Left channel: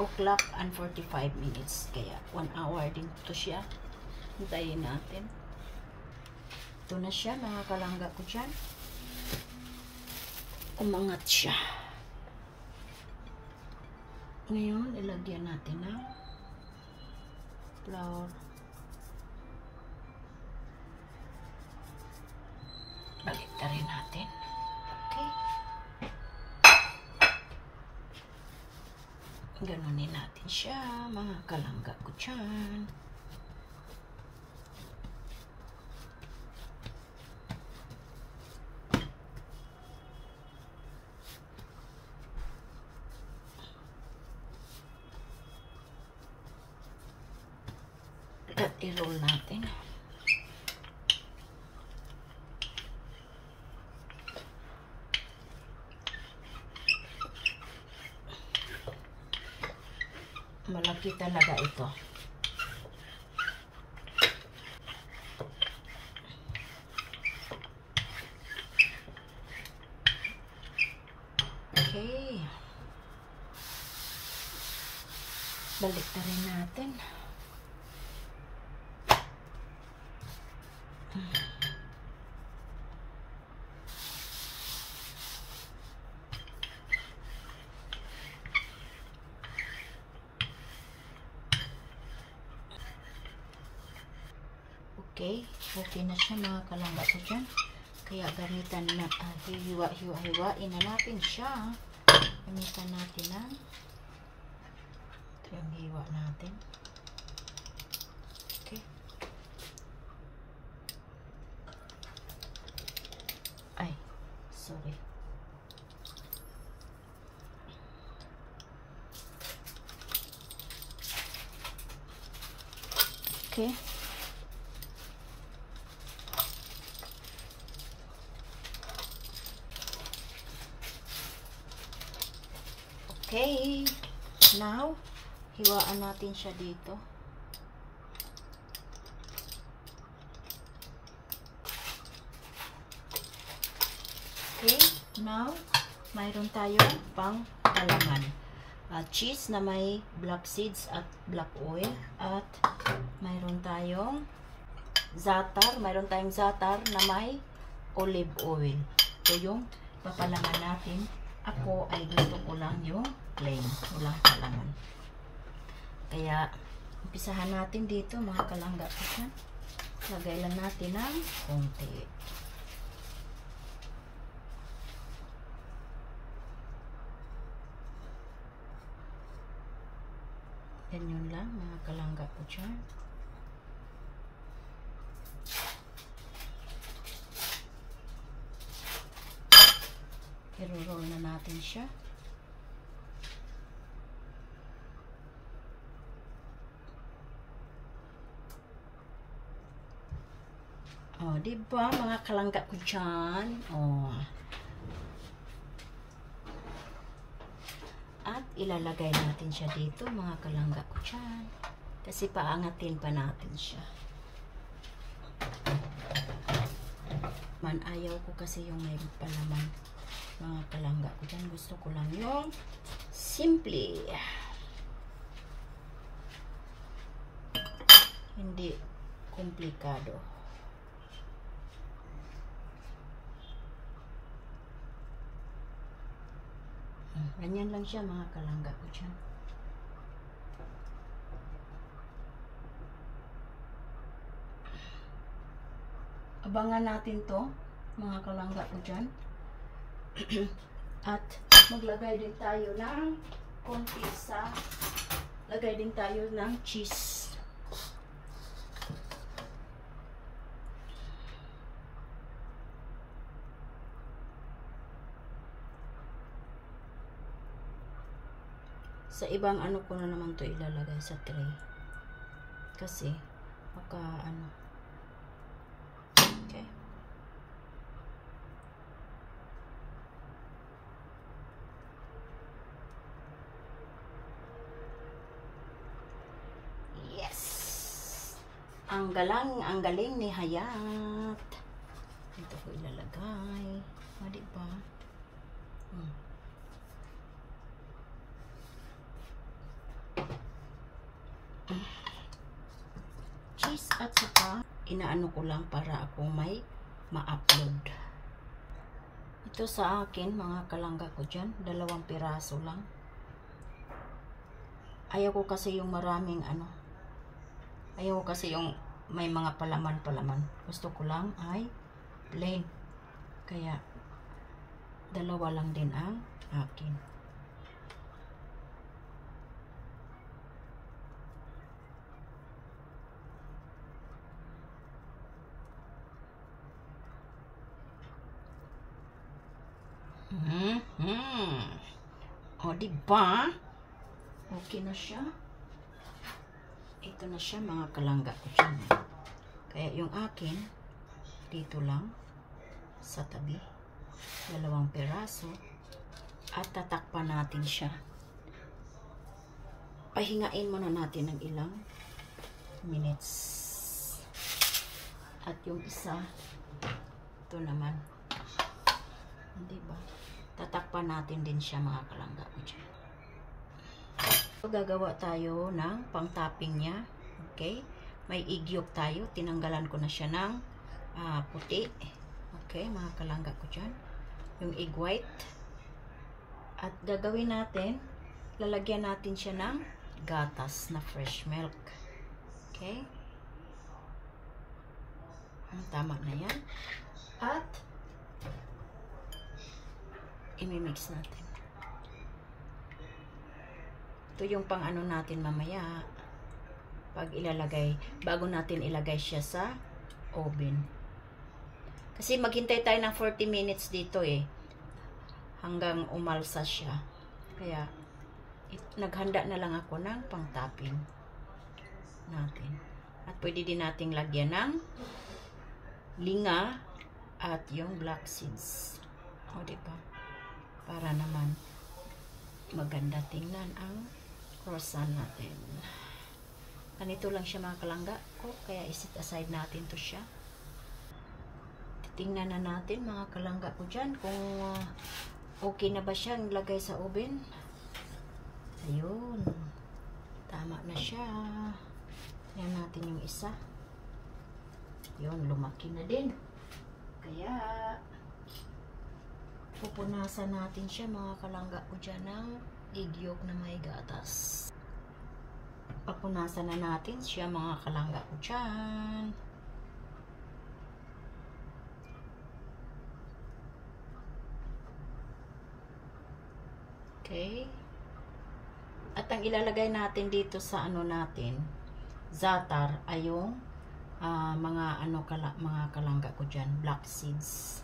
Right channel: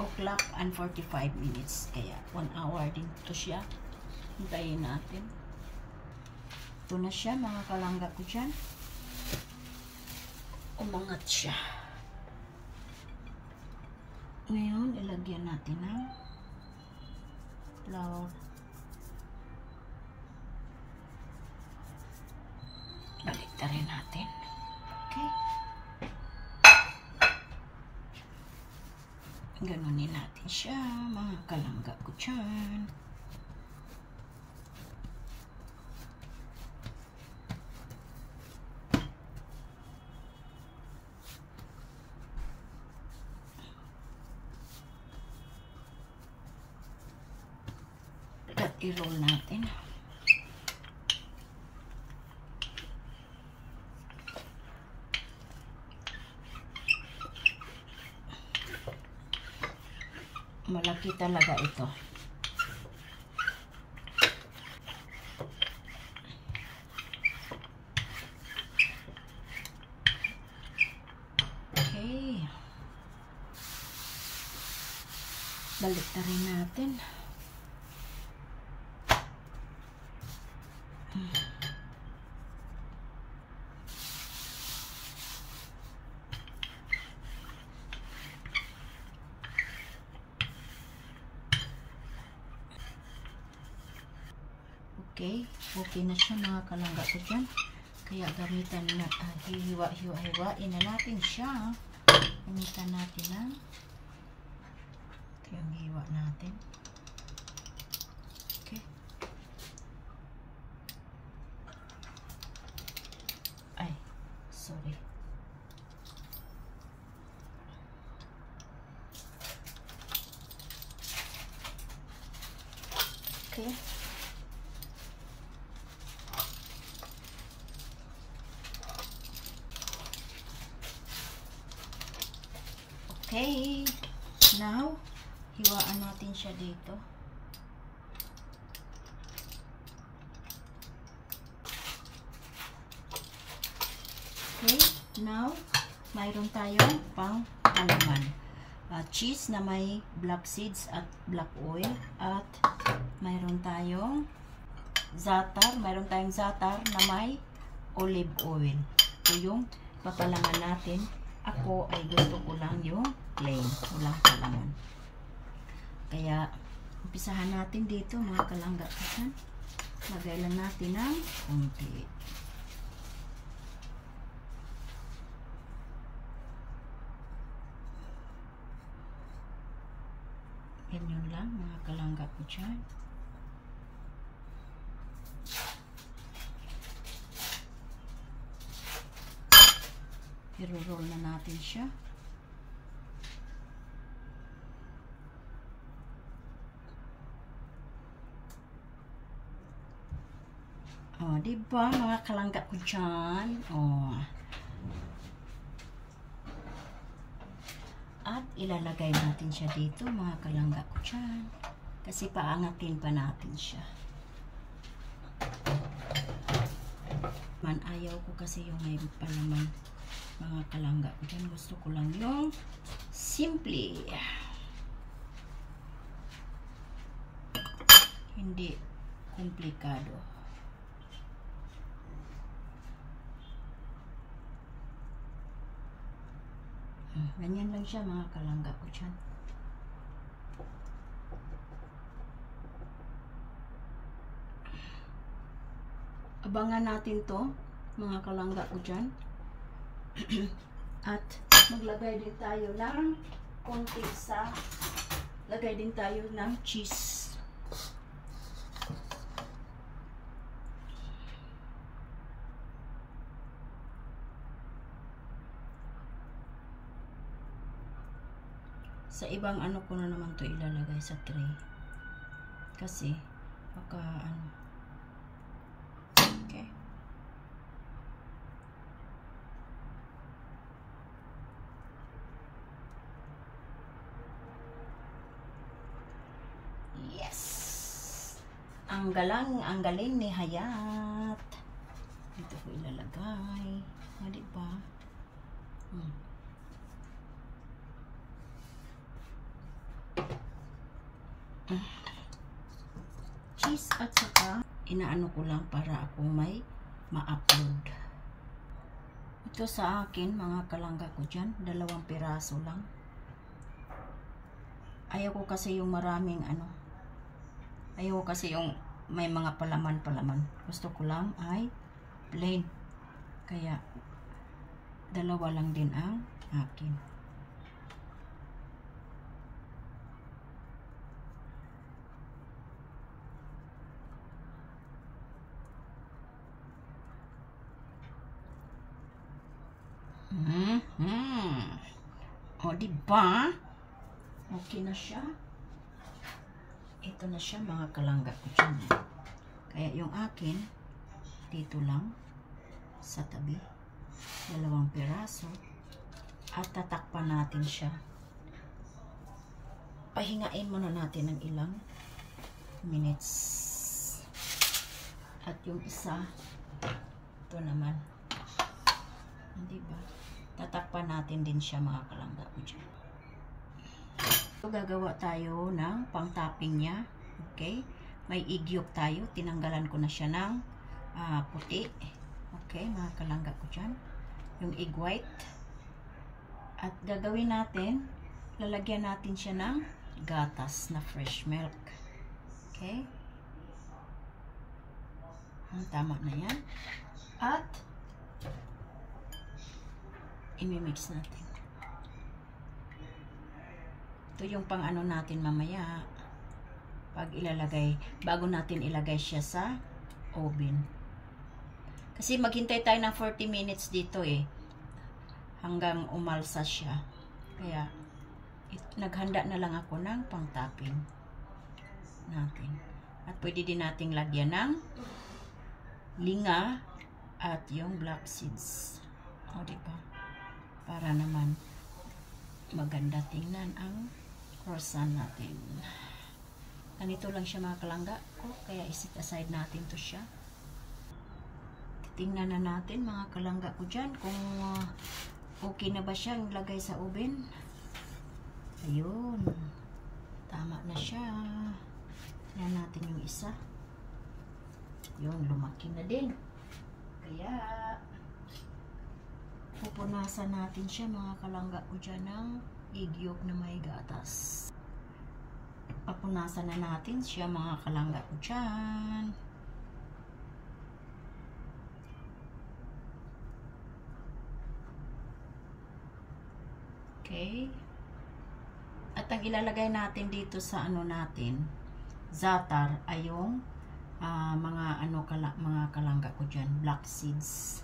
o'clock and 45 minutes. Kaya 1 hour din to siya. Hintayin natin. Ito na siya, mga kalangga ko dyan. Umangat siya. Ngayon, ilagyan natin ng flour. Baliktarin natin. Okay. Ganunin natin siya, mga kalangga ko dyan. At i-roll natin. Malaki talaga ito. Okay. Balik na rin natin. Okay, okay na siya, mga kalangga ko dyan. Kaya gamitan na, hiwa-hiwain na natin siya. Gamitan natin na. Ito yung hiwa natin. Okay. Ay, sorry. Okay. Okay, now, hiwaan natin siya dito. Okay, now, mayroon tayong pang palaman. Cheese na may black seeds at black oil. At mayroon tayong za'atar. Mayroon tayong za'atar na may olive oil. Ito yung papalaman natin. Ako ay gusto ko lang yung plain, walang palaman. Kaya, umpisahan natin dito, mga kalangga ko dyan. Lagay lang natin ng konti. Ganyan lang, mga kalangga ko dyan. I-roll na natin siya. Oh, diba, mga kalangga ko dyan? Oh. At ilalagay natin siya dito, mga kalangga ko dyan. Kasi paangatin pa natin siya. Ayaw ko kasi yung may palaman. Mga kalangga ko dyan, gusto ko lang yung simple. Hindi komplikado. Ganyan lang siya, mga kalangga ko dyan. Abangan natin to, mga kalangga ko dyan. At maglagay din tayo ng konti sa lagay din tayo ng cheese. Sa ibang ano ko na naman to ilalagay sa tray. Kasi baka ano. Okay. Yes. Ang galing ni Hayat. Ito ko ilalagay. Mali ba? cheese at saka inaano ko lang para ako may ma-upload. Ito sa akin, mga kalangga ko dyan, 2 piraso lang. Ayaw ko kasi yung maraming ano, ayaw ko kasi yung may mga palaman. Gusto ko lang ay plain. Kaya 2 lang din ang akin. O, diba? Okay na siya. Ito na siya, mga kalangga ko dyan. Kaya yung akin, dito lang, sa tabi. 2 piraso. At tatakpan natin siya. Pahingain muna natin ng ilang minutes. At yung isa, ito naman. Diba? Tatakpan natin din siya, mga kalangga ko dyan. So, gagawa tayo ng pang-topping niya. Okay? May igyok tayo. Tinanggalan ko na siya ng puti. Okay, mga kalangga ko dyan. Yung egg white. At gagawin natin, lalagyan natin siya ng gatas na fresh milk. Okay? Tama na yan. At imimix natin. Ito yung pang ano natin mamaya. Pag ilalagay, bago natin ilagay siya sa oven. Kasi maghintay tayo ng 40 minutes dito eh. Hanggang umalsa siya. Kaya, naghanda na lang ako ng pang-topping natin. At pwede din nating lagyan ng linga at yung black seeds. O, diba? Para naman maganda tingnan ang croissant natin. Ganito lang siya, mga kalangga ko. Kaya isit aside natin to siya. Tingnan na natin, mga kalangga ko dyan, kung okay na ba siyang lagay sa oven. Ayun. Tama na siya. Tingnan natin yung isa. Yun, lumaki na din. Kaya, pupunasan natin siya, mga kalangga ko dyan, ng egg yolk na may gatas. Papunasan na natin siya, mga kalangga ko dyan. Okay. At ang ilalagay natin dito sa ano natin, za'atar, ay yung mga kalangga ko dyan, black seeds.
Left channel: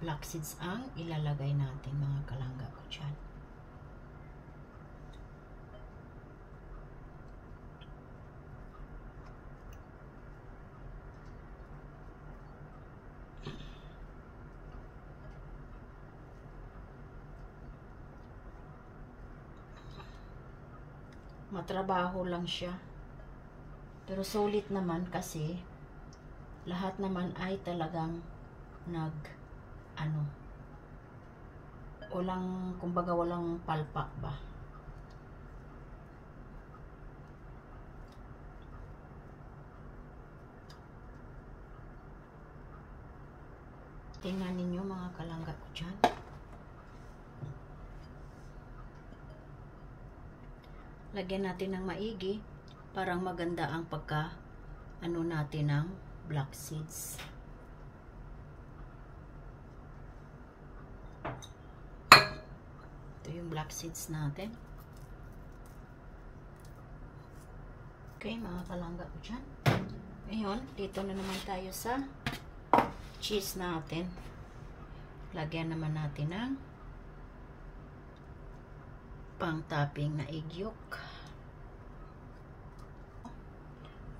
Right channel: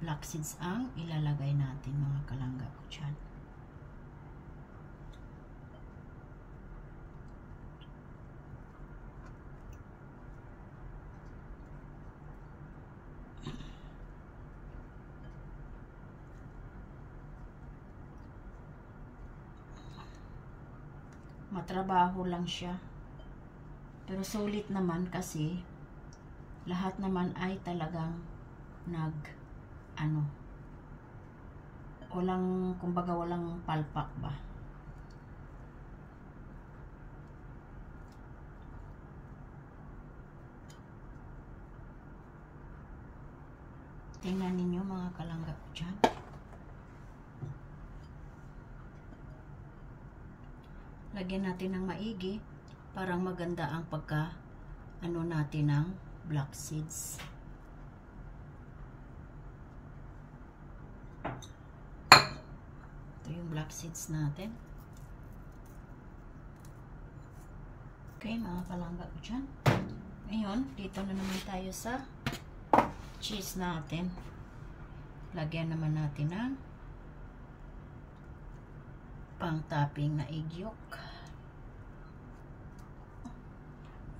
Black seeds ang ilalagay natin, mga kalangga ko dyan. Matrabaho lang siya. Pero sulit naman kasi lahat naman ay talagang kumbaga walang palpak ba. Tingnan ninyo, mga kalangga ko dyan. Lagyan natin ng maigi. Parang maganda ang natin ng black seeds. Ito yung black seeds natin. Okay, mga kalangga ko dyan. Ngayon, dito na naman tayo sa cheese natin. Lagyan naman natin ng pang-topping na egg yolk.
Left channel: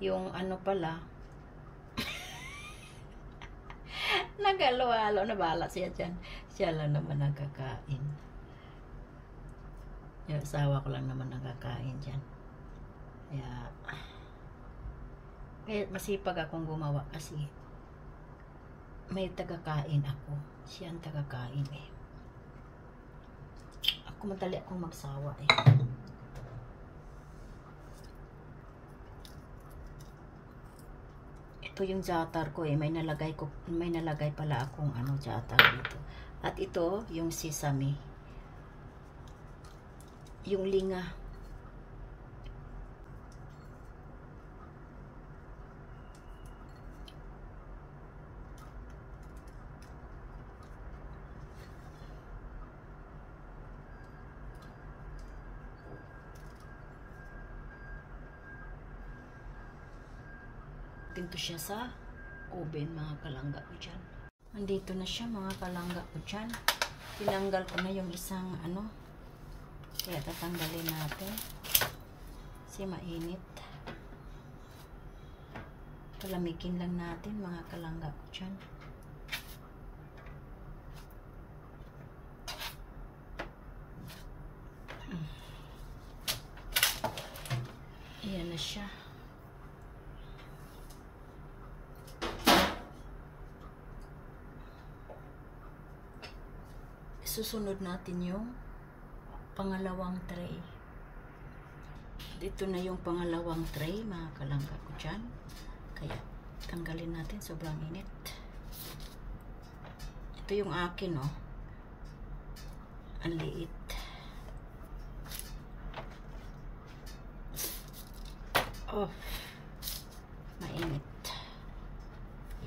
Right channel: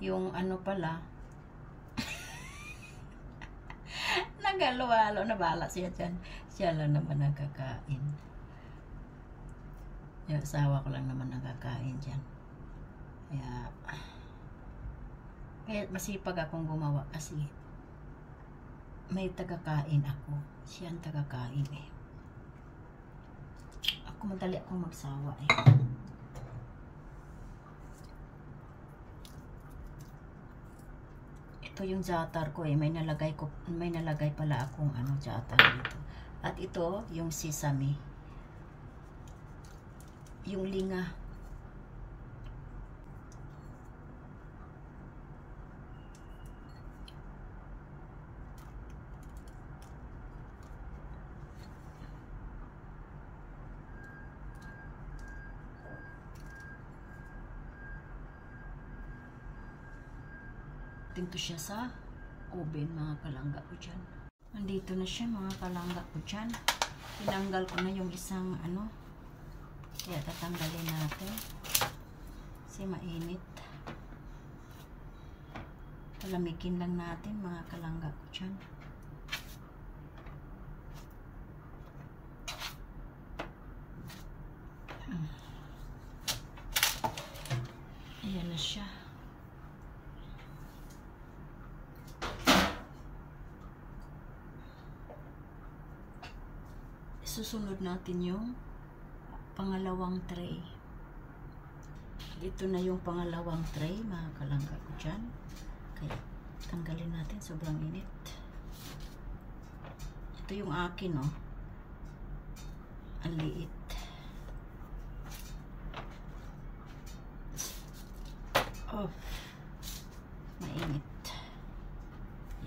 Yung ano pala, nagalo-alo na bala siya dyan. Siya lang naman nagkakain. Yung asawa ko lang naman nagkakain dyan. Kaya masipag akong gumawa kasi may tagakain ako. Siya ang tagakain eh. Ako madali akong magsawa eh. ito yung zatar ko eh. May nalagay pala akong ano zatar dito. At ito yung sesame. Yung linga. Tinto siya sa oven, mga kalangga ko dyan. Nandito na siya, mga kalangga ko dyan. Tinanggal ko na yung isang ano. Kaya tatanggalin natin. Kasi mainit. Palamigin lang natin, mga kalangga ko dyan. Ayan na siya. Susunod natin yung pangalawang tray. Ito na yung pangalawang tray, mga kalangga ko dyan. Kaya tanggalin natin, sobrang init. Ito yung akin, oh. Ang liit. Oh, mainit.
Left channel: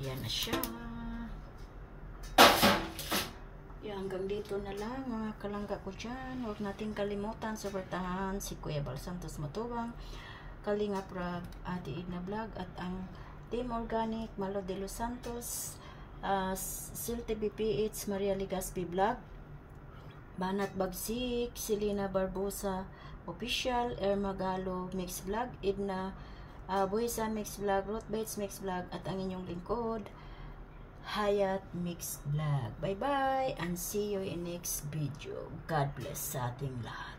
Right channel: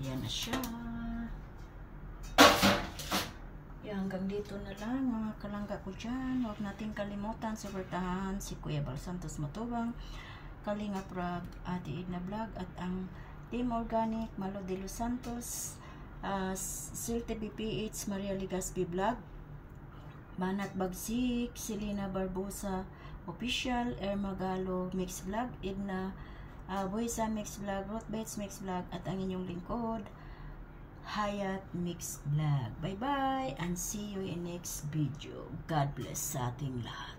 Yan na siya. Hanggang dito na lang, mga kalangga ko dyan. Huwag natin kalimutan suportahan si Kuya Bal Santos Matubang, Kalingap Rab, Ate Edna Vlog, at ang Team Organic, Malo de los Santos, Silte BPH, Maria Ligaspi Vlog, Banat Bagsik, Selena Barbosa Official, Ermagalo Mix Vlog, Edna Buesa Mix Vlog, Ruth Bates Mix Vlog, at ang inyong lingkod, Hayat Mix Vlog. Bye bye and see you in next video. God bless sa ating lahat.